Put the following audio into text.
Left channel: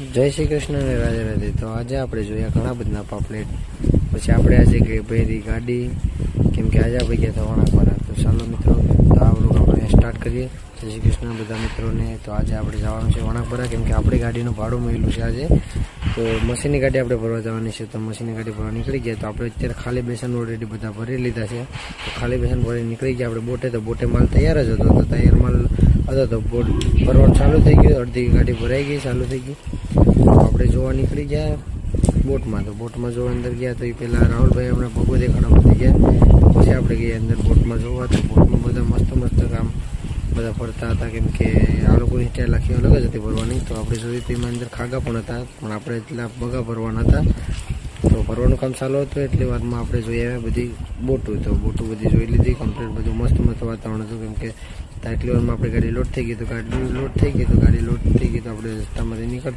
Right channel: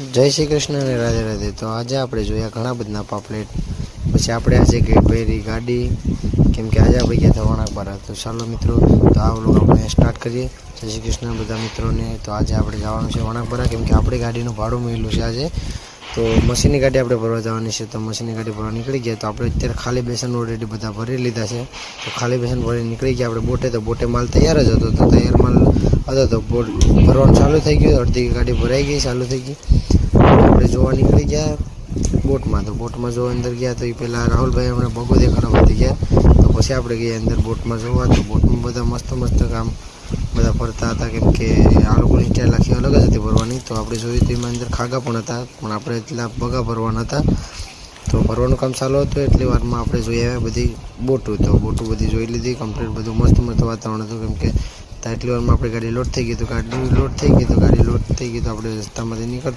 જય શ્રી કૃષ્ણ અને રાધે રાધે. તો આજે આપણે જોયા ઘણા બધા પાપલેટ. પછી આપણે આજે ગઈ પહેરી ગાડી. કેમ કે આજે આપણે ગયા હતા પર તો ચાલો મિત્રો, તો આ વ્લોગ આપણે સ્ટાર્ટ કરીએ. શ્રી કૃષ્ણ બધા મિત્રોને. તો આજે આપણે જવાનું છે વણાકવાળા કેમ કે આપણી ગાડીનું ભાડું મળેલું છે આજે. તો મશીનની ગાડી આપણે ભરવા જવાની છે, તો મશીનની ગાડી ભરવા નીકળી ગયા. તો આપણે અત્યારે ખાલી બેસન ઓલરેડી બધા ભરી લીધા છે. તો ખાલી બેસન ભરી નીકળી ગયા આપણે બોટે. તો બોટે માલ તૈયાર જ હતો. તો તૈયાર માલ હતો, તો બોટ ભરવાનું ચાલુ થઈ ગયું. અડધી ગાડી ભરાઈ ગઈ, ચાલુ થઈ ગઈ. આપણે જોવા નીકળી ગયા બોટમાં. તો બોટમાં જોવા અંદર ગયા તો એ પહેલાં રાહુલભાઈ અમને ભગો દેખાડવા વધી ગયા. તો પછી આપણે ગયા અંદર બોટમાં જોવા. તો બોટમાં બધા મસ્ત મસ્ત કામ બધા ફરતા હતા, કેમ કે આ લોકોની સ્ટાઇલ આખી અલગ જ હતી ભરવાની. તો આપણે જોયું તો એમાં અંદર ખાગા પણ હતા, પણ આપણે એટલા બગા ભરવાના હતા. તો ભરવાનું કામ ચાલુ હતું એટલી વારમાં આપણે જોઈ આવ્યા બધી બોટું. તો બોટું બધી જોઈ લીધી કમ્પ્લીટ બધું મસ્ત મસ્ત વાતાવરણ હતું, કેમ કે એટલી વારમાં આપણી ગાડી લોડ થઈ ગઈ તો ગાડી લોડ થઈ ગઈ તો ગાડી લોડ થઈ ગઈ તો આપણે રસ્તામાંથી નીકળતા